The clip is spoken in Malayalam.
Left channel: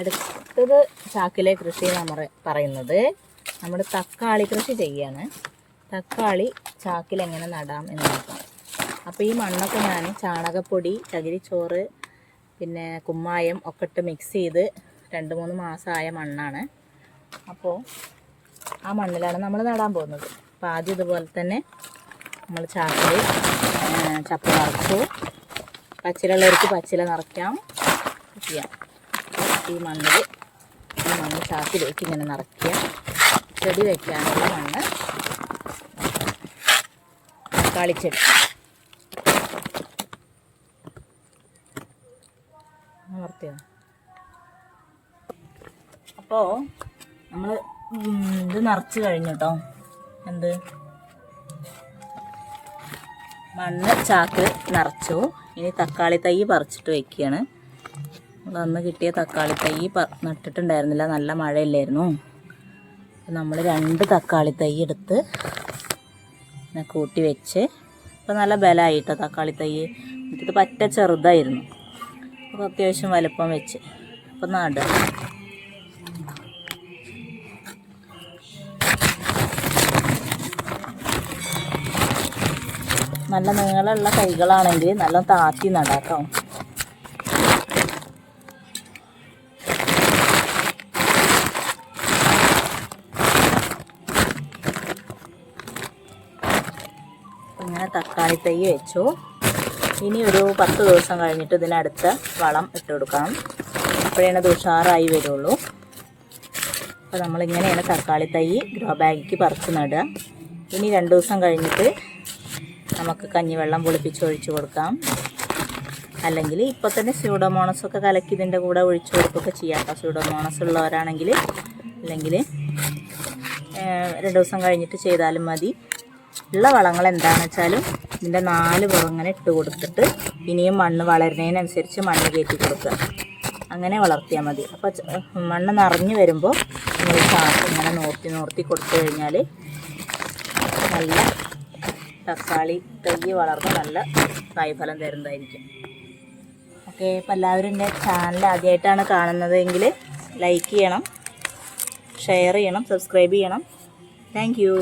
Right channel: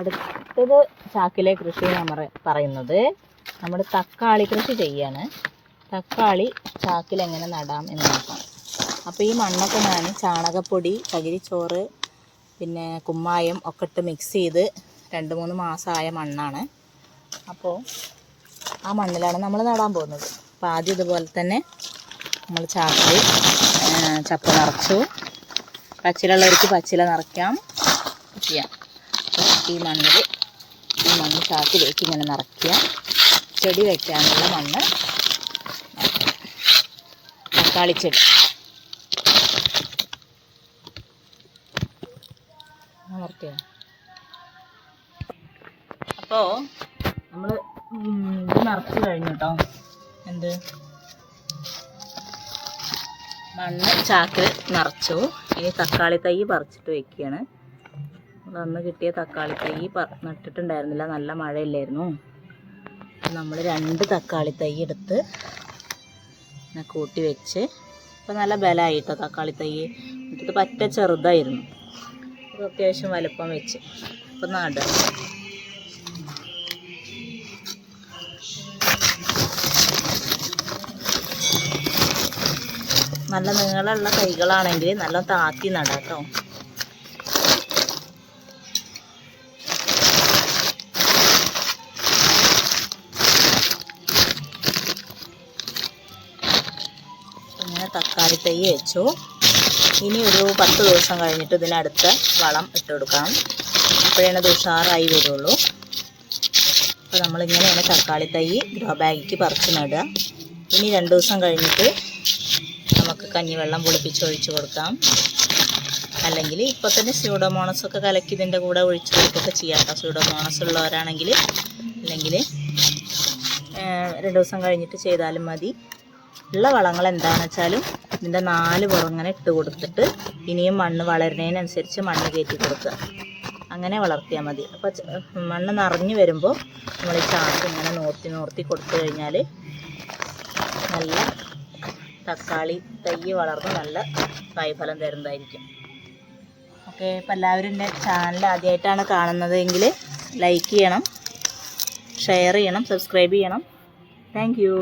അടുത്തത് ചാക്കിലെ കൃഷി നമ്മൾ പറയുന്നത് നമ്മൾ തക്കാളി കൃഷി ചെയ്യാണ്. തക്കാളി ചാക്കിൽ എങ്ങനെ നടാം എന്ന് നോക്കാം. അപ്പോൾ ഈ മണ്ണൊക്കെ ഞാൻ ചാണകപ്പൊടി, ചകിരിച്ചോറ്, പിന്നെ കുമ്മായം ഒക്കെ ഇട്ട് മിക്സ് ചെയ്ത് 2-3 മാസമായ മണ്ണാണ്. അപ്പോൾ ആ മണ്ണിലാണ് നമ്മൾ നടാൻ പോകുന്നത്. അപ്പോൾ ആദ്യം ഇതുപോലെ തന്നെ നമ്മൾ ചാക്കിൽ ചപ്പ് നിറച്ചു. പച്ചിലുള്ളവർക്ക് പച്ചില നിറയ്ക്കാം ചെയ്യാം. ഈ മണ്ണ് ചാക്കിലേക്ക് ഇങ്ങനെ നിറയ്ക്കുക. ചെടി വയ്ക്കാനുള്ള മണ്ണ് തക്കാളിച്ചെടി നിറയ്ക്കുക. അപ്പോൾ നമ്മൾ ഇത് നിറച്ച് കഴിഞ്ഞു കേട്ടോ. എന്ത് മണ്ണ് ചാക്കിൽ നിറച്ചു. ഇനി തക്കാളി തൈ പറിച്ചിട്ട് വയ്ക്കുകയാണ്. അന്ന് കിട്ടിയ തക്കാളി തൈ നട്ടിട്ടുണ്ടായിരുന്നില്ല, നല്ല മഴയില്ലായിരുന്നു. നമ്മൾ 2 തക്കാളി തൈ എടുത്ത് കൂട്ടി വെച്ച് ഇപ്പം നല്ല ബലമായിട്ടോ തക്കാളി തൈ. ഇത് പറ്റ ചെറുതായിരുന്നു, അപ്പോൾ അത്യാവശ്യം വലുപ്പം വെച്ച് ഇപ്പം നടുക. നല്ല നീളമുള്ള തൈകളാണെങ്കിൽ നല്ല താത്തി നടാം കേട്ടോ. ഇങ്ങനെ തക്കാളി തൈ വെച്ചു. ഇനി ഒരു 10 ദിവസം കഴിഞ്ഞിട്ട് ഇതിനടുത്ത വളം ഇട്ട് കൊടുക്കണം. അപ്പോഴാണ് ഇത് ഉഷാറായി വരുള്ളൂ. അപ്പോൾ നമ്മളിങ്ങനെയാണ് തക്കാളി തൈ ഗ്രോ ബാഗിക്ക് പറിച്ച് നടുക. ഇനി 2 ദിവസം കഴിഞ്ഞിട്ട് നമുക്ക് കഞ്ഞിവെള്ളം പുളിപ്പിച്ച് ഒഴിച്ച് കൊടുക്കാം. അല്ലെങ്കിൽ ഇപ്പോൾ തന്നെ സ്യൂഡോമോണസൊക്കെ കലക്കി ഇതിൻ്റെ കൂടെ ഒഴിച്ച് കൊടുക്കുകയൊക്കെ ചെയ്യാം കേട്ടോ, സ്യൂഡോമോണസ് ഉള്ളവരാണെങ്കിൽ. അല്ലെങ്കിൽ 2 ദിവസം കഴിഞ്ഞിട്ട് ചെയ്താലും മതി. ഉള്ള വളങ്ങൾ എന്താണെന്ന് വെച്ചാലും ഇതിൻ്റെ 4 പുറങ്ങനെ ഇട്ട് കൊടുത്തിട്ട് ഇനിയും മണ്ണ് വളരുന്നതിനനുസരിച്ച് മണ്ണ് കയറ്റി കൊടുക്കുക. അങ്ങനെ വളർത്തിയാൽ മതി. അപ്പോൾ മണ്ണ് നിറഞ്ഞു വരുമ്പോൾ നമ്മൾ ഈ ചാക്ക് ഇങ്ങനെ നോർത്തി കൊടുത്തു കഴിഞ്ഞാൽ നല്ല തക്കാളി തൈ വളർന്ന് നല്ല കായ്ഫലം തരുന്നതായിരിക്കും. ഓക്കെ, അപ്പോൾ എല്ലാവരും എൻ്റെ ചാനൽ ആദ്യമായിട്ടാണ് കാണുന്നതെങ്കിൽ ലൈക്ക് ചെയ്യണം, ഷെയർ ചെയ്യണം, സബ്സ്ക്രൈബ് ചെയ്യണം. Thank you.